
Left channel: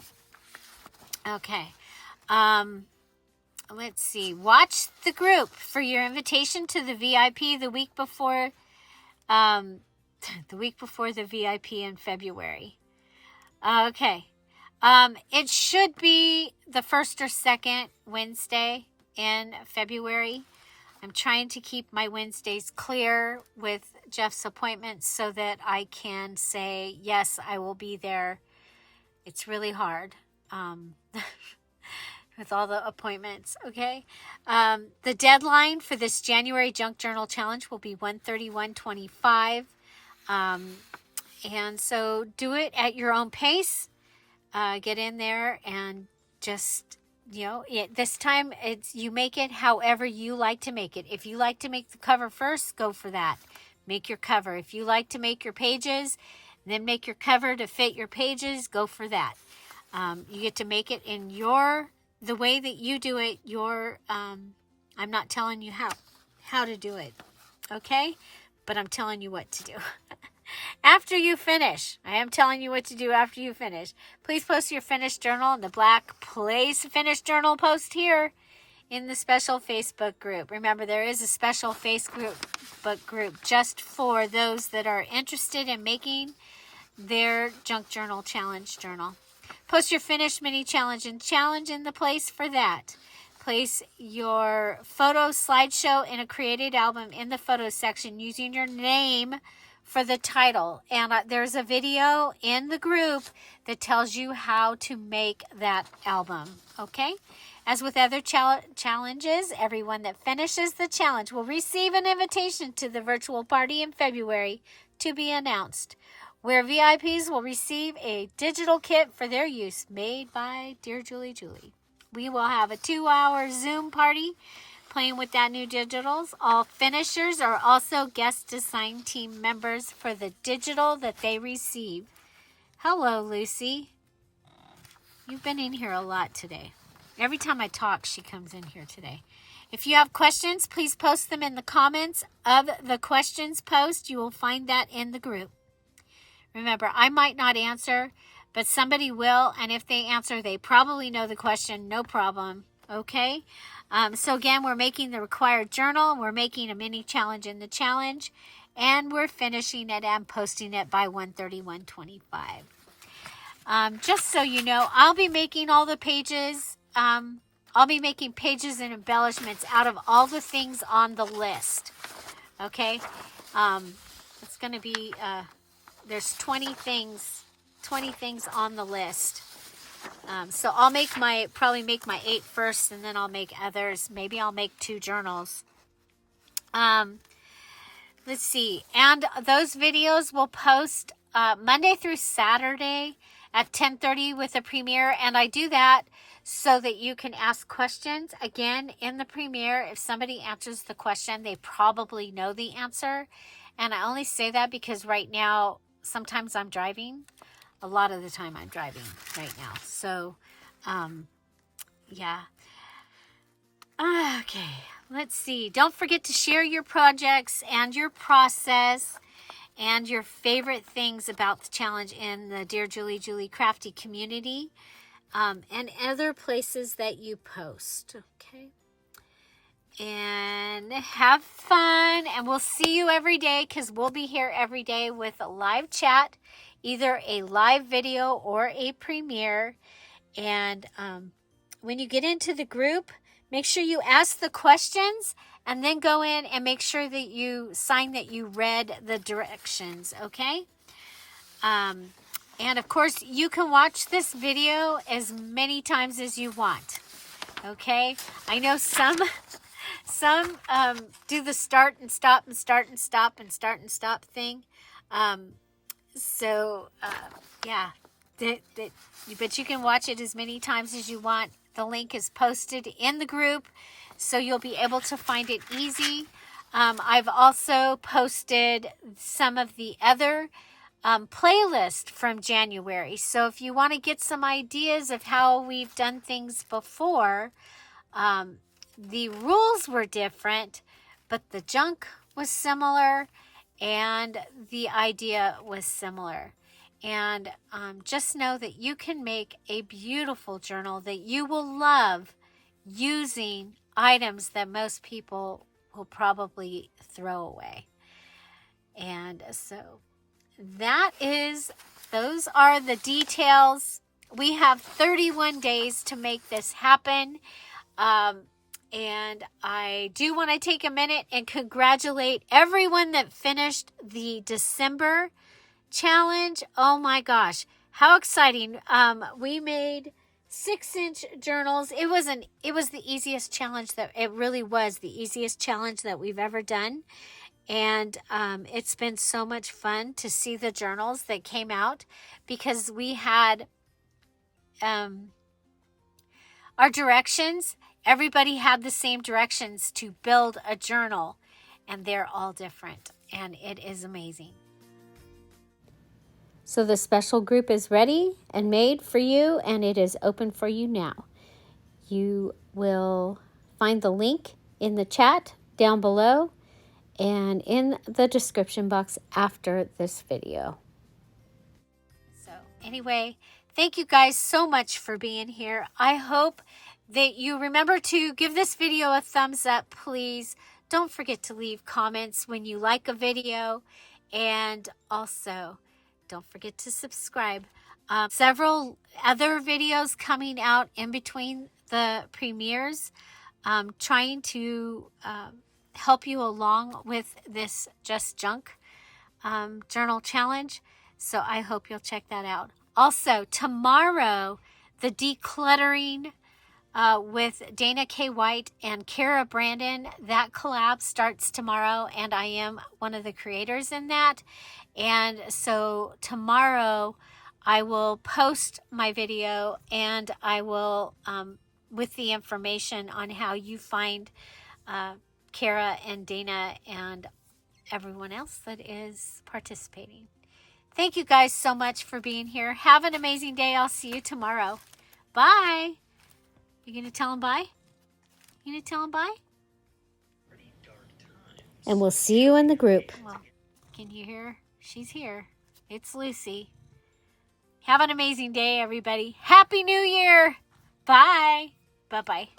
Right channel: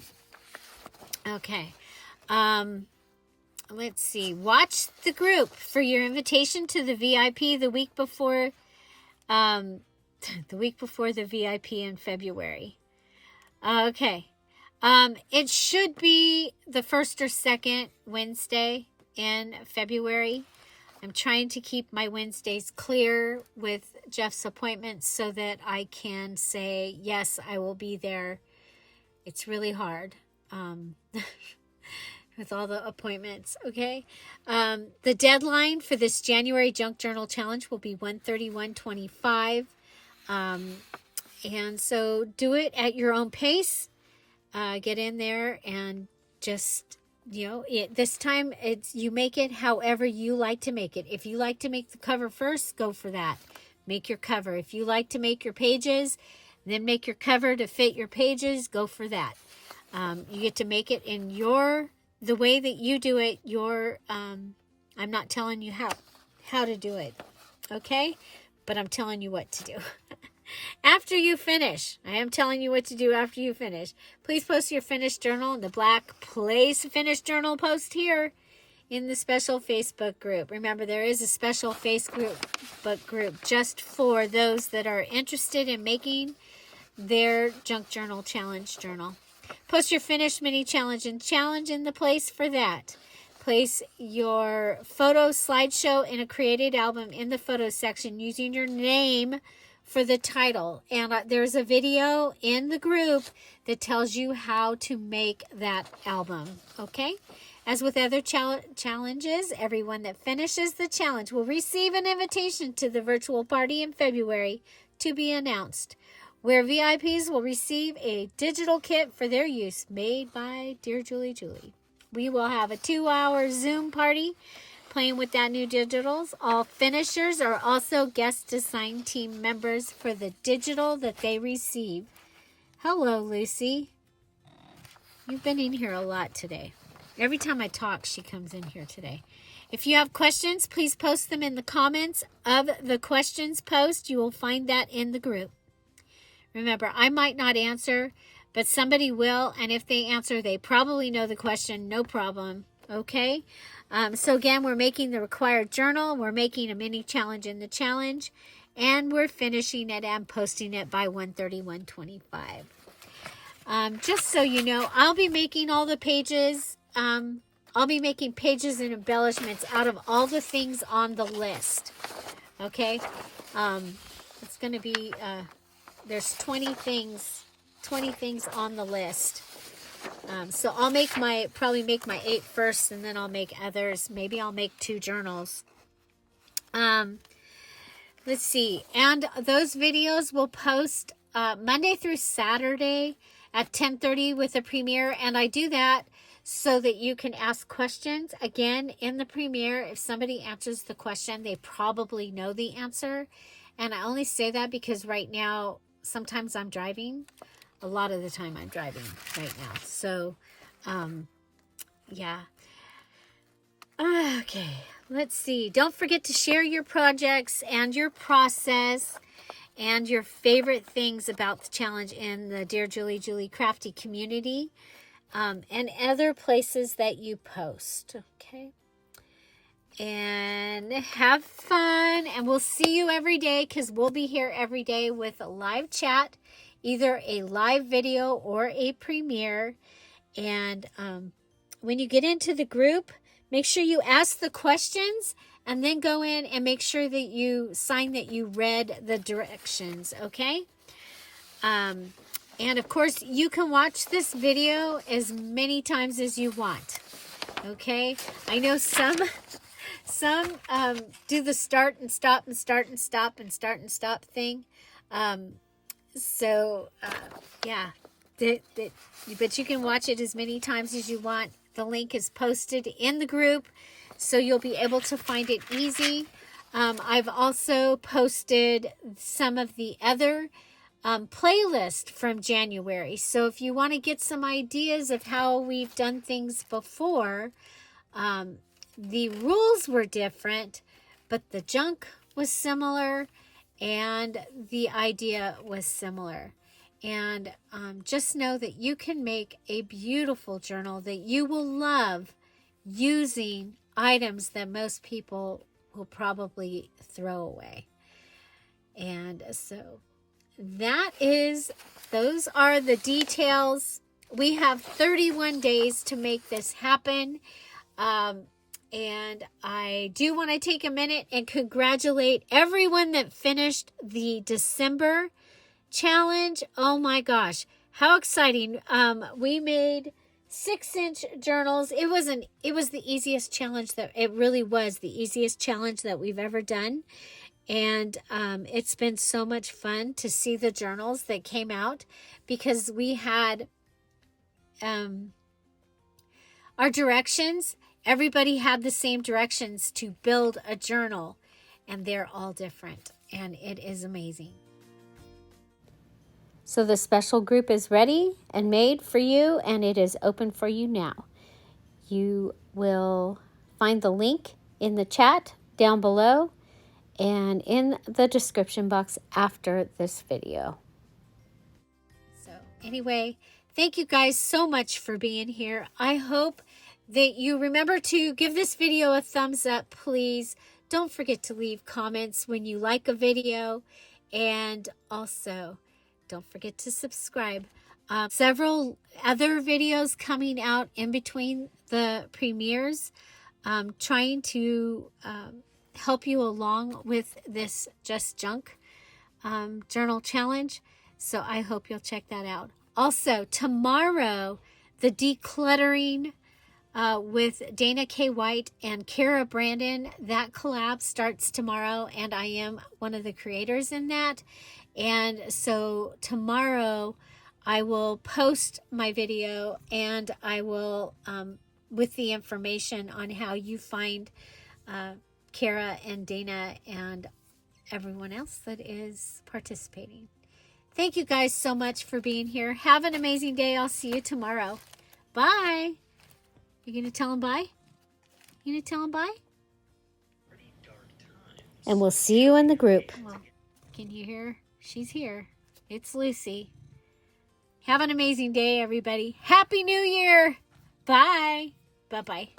Okay. Let's see. Watch the group for your invitation to the VIP the week before the VIP in February. Okay. It should be the 1st or 2nd Wednesday in February. I'm trying to keep my Wednesdays clear with Jeff's appointments so that I can say, yes, I will be there. It's really hard with all the appointments, okay? The deadline for this January Junk Journal Challenge will be 1/31/25. And so do it at your own pace. Get in there and just, this time you make it however you like to make it. If you like to make the cover first, go for that. Make your cover. If you like to make your pages, then make your cover to fit your pages, go for that. You get to make it in the way that you do it. I'm not telling you how to do it, okay? But I'm telling you what to do. After you finish, I am telling you what to do after you finish. Please post your finished journal in the black Place Finished Journal post here in the special Facebook group. Remember, there is a special Facebook group just for those that are interested in making their Junk Journal Challenge journal. Post your finished mini challenge and challenge in the place for that. Place your photo slideshow in a created album in the photo section using your name for the title. And there's a video in the group that tells you how to make that album, okay? As with other challenges, everyone that finishes the challenge will receive an invitation to the virtual party in February to be announced, where VIPs will receive a digital kit for their use made by Dear Julie Julie. We will have a 2-hour Zoom party playing with that new digitals. All finishers are also guest design team members for the digital that they receive. Hello, Lucy. You've been in here a lot today. Every time I talk, she comes in here today. If you have questions, please post them in the comments of the questions post. You will find that in the group. Remember, I might not answer, but somebody will, and if they answer, they probably know the question, no problem, okay? So again, we're making the required journal, we're making a mini challenge in the challenge, and we're finishing it and posting it by 1/31/25. Just so you know, I'll be making all the pages, I'll be making pages and embellishments out of all the things on the list, okay? It's going to be, there's 20 things on the list. So I'll probably make my 8 first, and then I'll make others. Maybe I'll make 2 journals. Let's see. And those videos will post Monday through Saturday at 10:30 with a premiere. And I do that so that you can ask questions. Again, in the premiere, if somebody answers the question, they probably know the answer. And I only say that because right now, sometimes I'm driving. A lot of the time I'm driving right now. So, yeah. Okay, let's see. Don't forget to share your projects and your process and your favorite things about the challenge in the Dear Julie Julie Crafty community and other places that you post, okay? And have fun, and we'll see you every day because we'll be here every day with a live chat, either a live video or a premiere. And when you get into the group, make sure you ask the questions and then go in and make sure that you sign that you read the directions, okay? And of course, you can watch this video as many times as you want, okay? I know some do the start and stop and start and stop and start and stop thing. Yeah, but you can watch it as many times as you want. The link is posted in the group. so you'll be able to find it easy. I've also posted some of the other playlist from January. So if you want to get some ideas of how we've done things before, the rules were different, but the junk was similar and the idea was similar. And just know that you can make a beautiful journal that you will love using items that most people will probably throw away. And so those are the details. We have 31 days to make this happen. And I do want to take a minute and congratulate everyone that finished the December challenge. Oh my gosh, how exciting. We made 6-inch journals. It was the easiest challenge it really was the easiest challenge that we've ever done. And it's been so much fun to see the journals that came out, because we had our directions. Everybody had the same directions to build a journal, and they're all different, and it is amazing. So the special group is ready and made for you, and it is open for you now. You will find the link in the chat down below and in the description box after this video. So anyway, thank you guys so much for being here. I hope that you remember to give this video a thumbs up, please. Don't forget to leave comments when you like a video, and also don't forget to subscribe. Several other videos coming out in between the premieres, trying to help you along with this Just Junk journal challenge. So I hope you'll check that out. Also, tomorrow, the decluttering with Dana K. White and Kara Brandon, that collab starts tomorrow, and I am one of the creators in that. And so tomorrow I will post my video, and I will, with the information on how you find Kara and Dana and everyone else that is participating. Thank you guys so much for being here. Have an amazing day. I'll see you tomorrow. Bye. You gonna tell them bye? You gonna tell them bye? And we'll see you in the group. Well, can you hear? She's here. It's Lucy. Have an amazing day, everybody. Happy New Year. Bye. Bye-bye.